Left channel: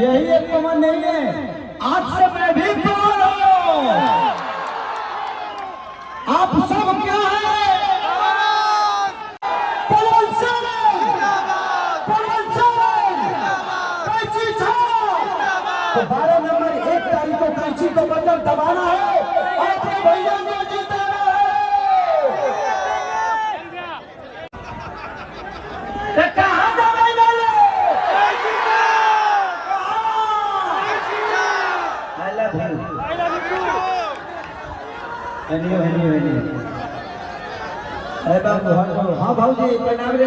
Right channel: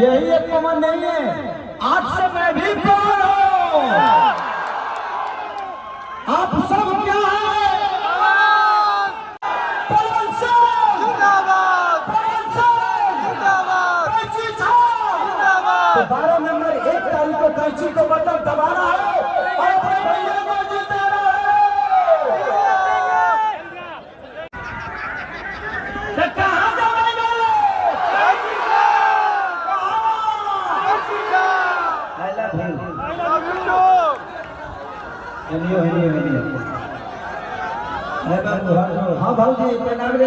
यही एक पवन नहीं है, आज से मैं भी पवन हूँ। आप सब क्या है? पवन सिंह जिंदाबाद, पवन सिंह जिंदाबाद, कैंची छाप जिंदाबाद। तो 12 नंबर 1 तारीख को कैंची को बटन दबाना है और अपने भैया को जिताना है। कहाँ दबाएंगे? हाँ भाऊ जी प्रणाम रे।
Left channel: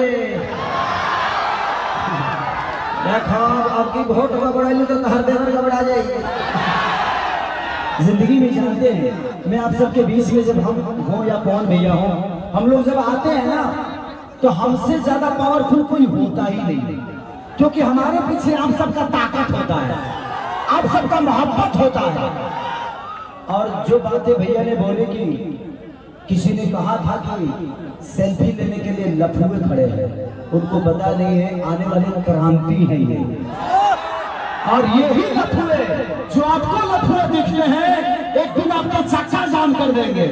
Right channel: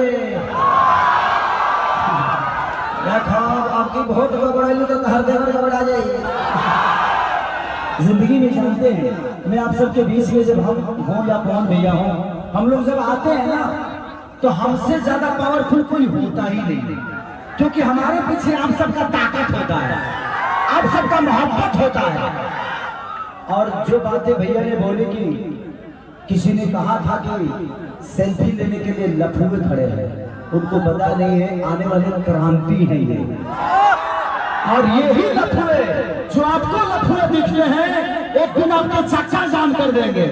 आपकी वोट गड़बड़ाई तो हर देवर गड़बड़ा जाएगी। जिंदगी में जानते हैं, मैं आप सबके बीच में जब हम हों या कौन भैया हों, हम लोग जब आते हैं ना तो हमसे ज्यादा पावरफुल कोई होता ही नहीं, क्योंकि हमारे पीछे आप सबका ताकत होता है, आप सबका मोहब्बत होता है। और जो बातें भैया ने बोली कि किसी ने कहा था कि सेल्फी लेने के लिए लफुए खड़े हैं, उनको पता नहीं है आने वाली क्रांति है ये। और यही लफुए जो आपको लफुए दिखते हैं, एक दिन आपके चक्का जाम कर देंगे।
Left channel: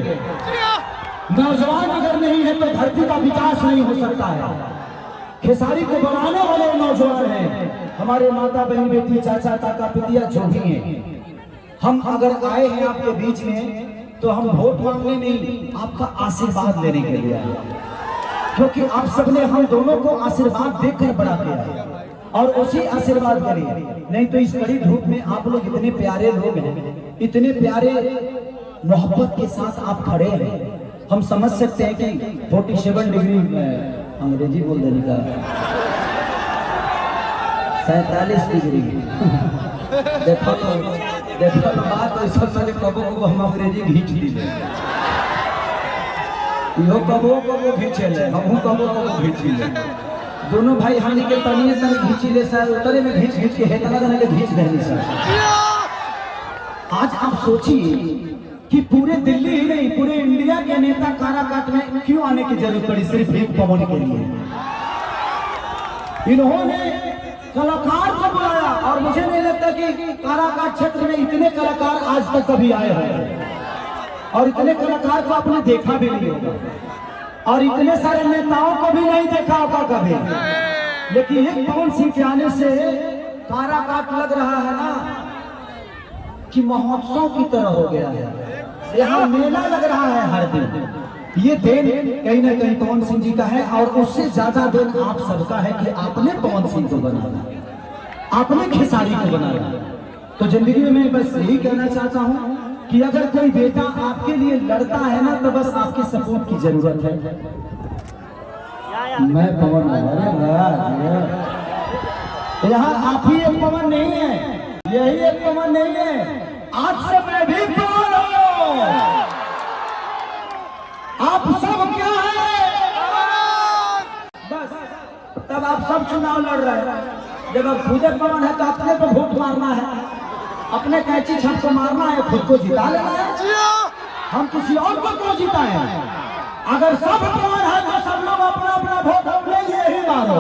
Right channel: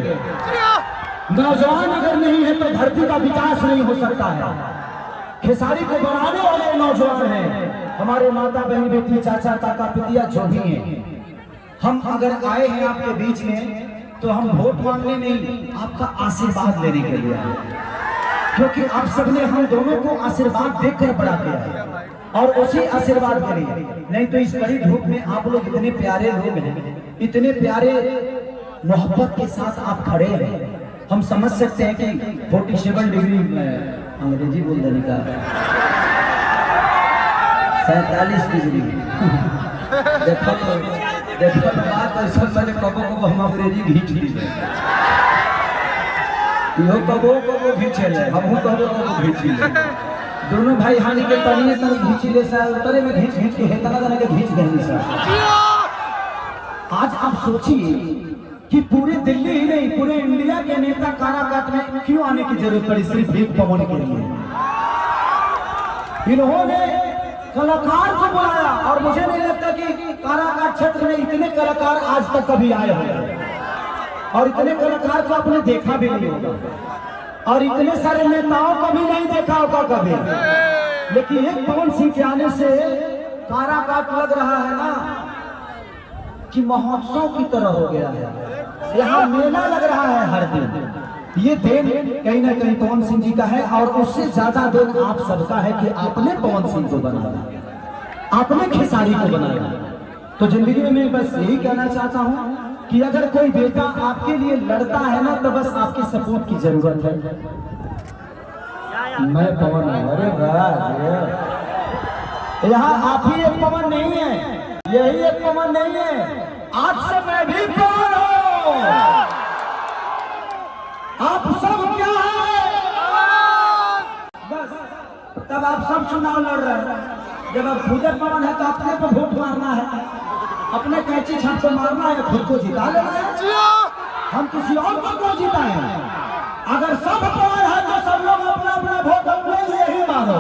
नौजवान अगर नहीं है तो धरती का विकास नहीं हो सकता है। खेसारी को बनाने वाले नौजवान हैं, हमारे माता बहन बेटी चाचा काका पितिया जो भी हैं। हम अगर आए हैं आपके बीच में तो हम वोट मांगने नहीं, आपका आशीर्वाद लेने के लिए आए, क्योंकि आप सबने हम दोनों को आशीर्वाद देकर बड़ा किया है और उसी आशीर्वाद करिए। नहीं तो इस कड़ी धूप में आप लोग इतने प्यारे लोग हैं, इतने प्यारे मोहब्बत के साथ आप खड़े हैं। हम समझ सकते हैं कि 47 डिग्री अंग्रेजी बोल देने का 47 डिग्री देखो तो बात ऐसा पहले कबो कबो हम अंग्रेजी घींच ली, यो कबो घींचे ले, हम कबो घींच ली। दोनों भाई हानि के तनिए तन घींच ले सा, उतरे में घींच के हेतला देने के घींच देनी सा। आज आप सोचिए कि पूरे दिल्ली ही नहीं, पूरे इंडिया के नेता काराकाट में क्यों आने की जरूरत पड़ी सिर्फ एक पवन के लिए। इन्होंने कलाकार को बुलाया और मुझे नहीं लगता कि काराकाट क्षेत्र में इतने कलाकार आज तक कभी आए हैं, और इतने कलाकार को आपने देखा भी नहीं होगा, और इतने सारे नेताओं को भी नहीं देखा होगा कभी। लेकिन एक पवन सिंह के आने से काराकाट लग रहा है ना कि महोत्सव की तरह हो गया है। यहाँ मेला लग रहा है हर दिन। ये देन कहीं ना कहीं पवन सिंह जी का है, और उससे ज्यादा देन आप सबका है कि आपने पवन सिंह को बनाया, आपने खेसारी को बनाया। तो जिंदगी में मैं बस यही कहना चाहता हूँ कि अगर कोई बेटा आपके लिए लड़ता है ना तो बस आपकी सपोर्ट की जरूरत है। मैं पवन हूँ, अरे यहाँ आप ही एक पवन नहीं है, यही एक पवन नहीं है, आज से मैं भी पवन हूँ। आप सब क्या है? बस तब आप सब चुनाव लड़ रहे हैं। जब आप खुद पवन है तो अपने पर वोट मारना है, अपने कैंची छाप को मारना है, खुद को जिता लेना है। हम किसी और को क्यों जिताएं? अगर सब पवन है तो सब लोग अपना अपना वोट अपने लिए ही मारो,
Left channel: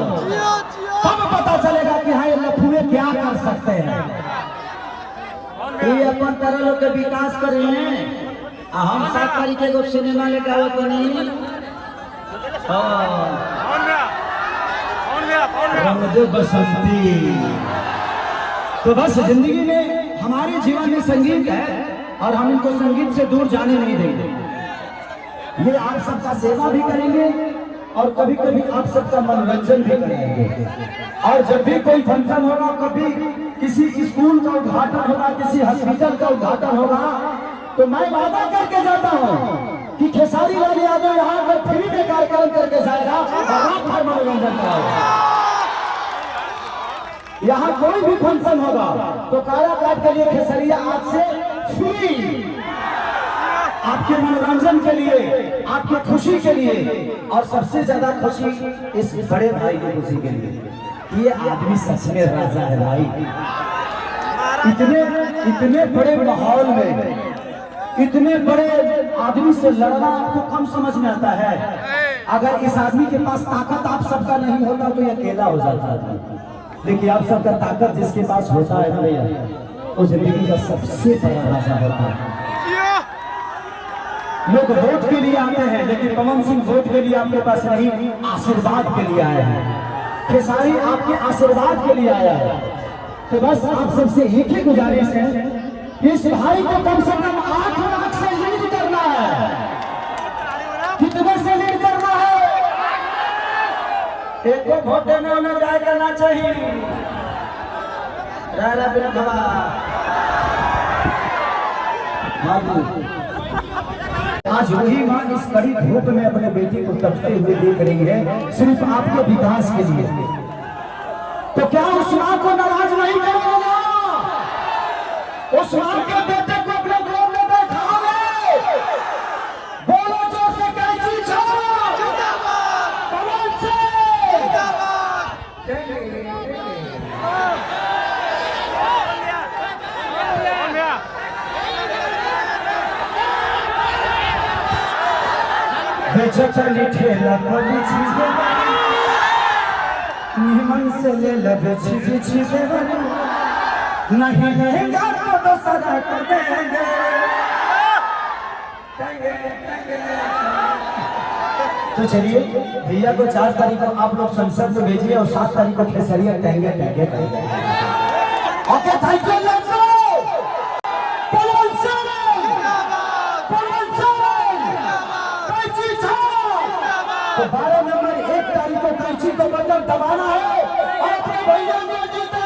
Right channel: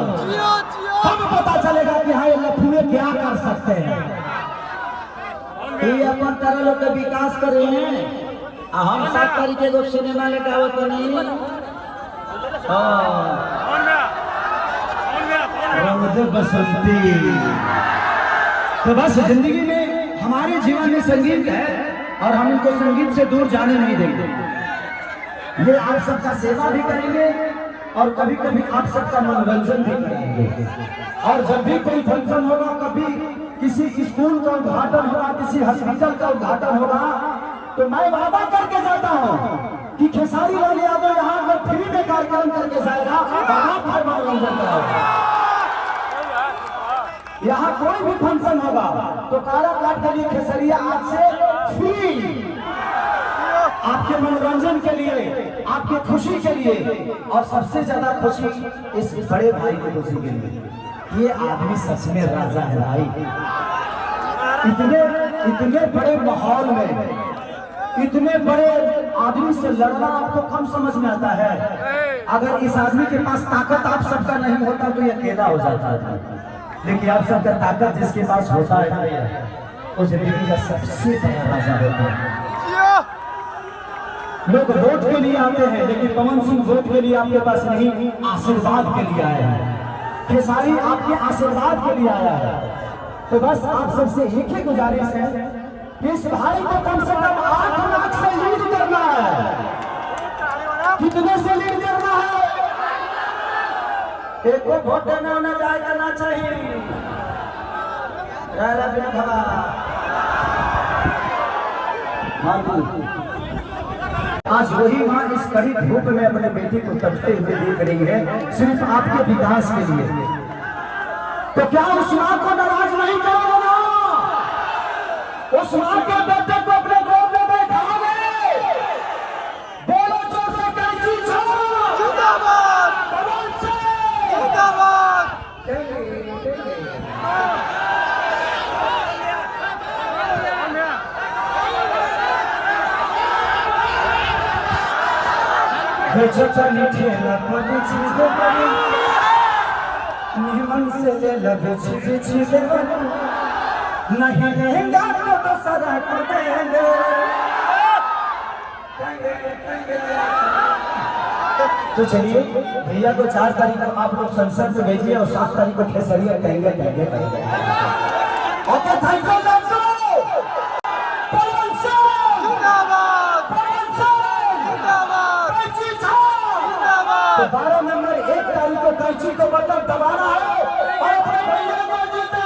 तब पता चलेगा कि हाँ ये लफुए क्या कर सकते हैं। ये अपन तरह लोग के विकास कर रहे हैं। हम सब तरीके को सिनेमा लेकर आवत नहीं। बसंती तो बस जिंदगी में हमारे जीवन में संगीत है और हम इनको संगीत से दूर जाने नहीं देंगे। ये आप सबका सेवा भी करेंगे और कभी कभी आप सबका मनोरंजन भी करेंगे। और जब भी कोई फंक्शन होगा, कभी किसी स्कूल का उद्घाटन होगा, किसी हॉस्पिटल का उद्घाटन होगा, तो मैं वादा करके जाता हूँ कि खेसारी लाल यादव यहाँ पर फ्री में कार्यक्रम करके जाएगा। यहाँ कोई भी फंक्शन होगा तो काराकाट के लिए खेसरिया आज से फ्री, आपके मनोरंजन के लिए, आपकी खुशी के लिए, और सबसे ज्यादा खुशी इस बड़े भाई की खुशी के लिए। ये आदमी सच में राजा है भाई। इतने बड़े माहौल में इतने बड़े आदमी से लड़ना आपको कम समझ में आता है। अगर इस आदमी के पास ताकत आप सबका नहीं होता तो ये अकेला हो जाता है। देखिए आप सबका ताकत जिसके पास होता है ना भैया, वो जिंदगी का सबसे बड़ा राजा होता है। लोग वोट के लिए आते हैं, लेकिन पवन सिंह वोट के लिए आपके पास नहीं, आशीर्वाद के लिए आया है। खेसारी आपके आशीर्वाद के लिए आया है। तो बस आप सबसे एक ही गुजारिश है कि इस भाई को कम से कम 8 लाख से लीड करना है। कितने से लीड करना है? एक वोट देना न जाए करना चाहिए। आज वही माँ इस कड़ी धूप में अपने बेटी को तपते हुए देख रही है, सिर्फ आपके विकास के लिए। तो क्या उस माँ को नाराज नहीं करोगे? उस माँ के बेटे को अपने गोद में बैठाओगे? बोलो जोर से कैची छाओ जिंदाबाद, पवन सिंह जिंदाबाद। चली ठेला पड़ी चीजें निमन से ले लगे चीजें नहीं लेंगे तो सजा कर देंगे। तो चलिए भैया को 4 तारीख को आप लोग संसद में भेजिए और 7 तारीख को खेसरिया टहंगे तो 12 नंबर 1 तारीख को कैंची को बटन दबाना है और अपने भैया को जीता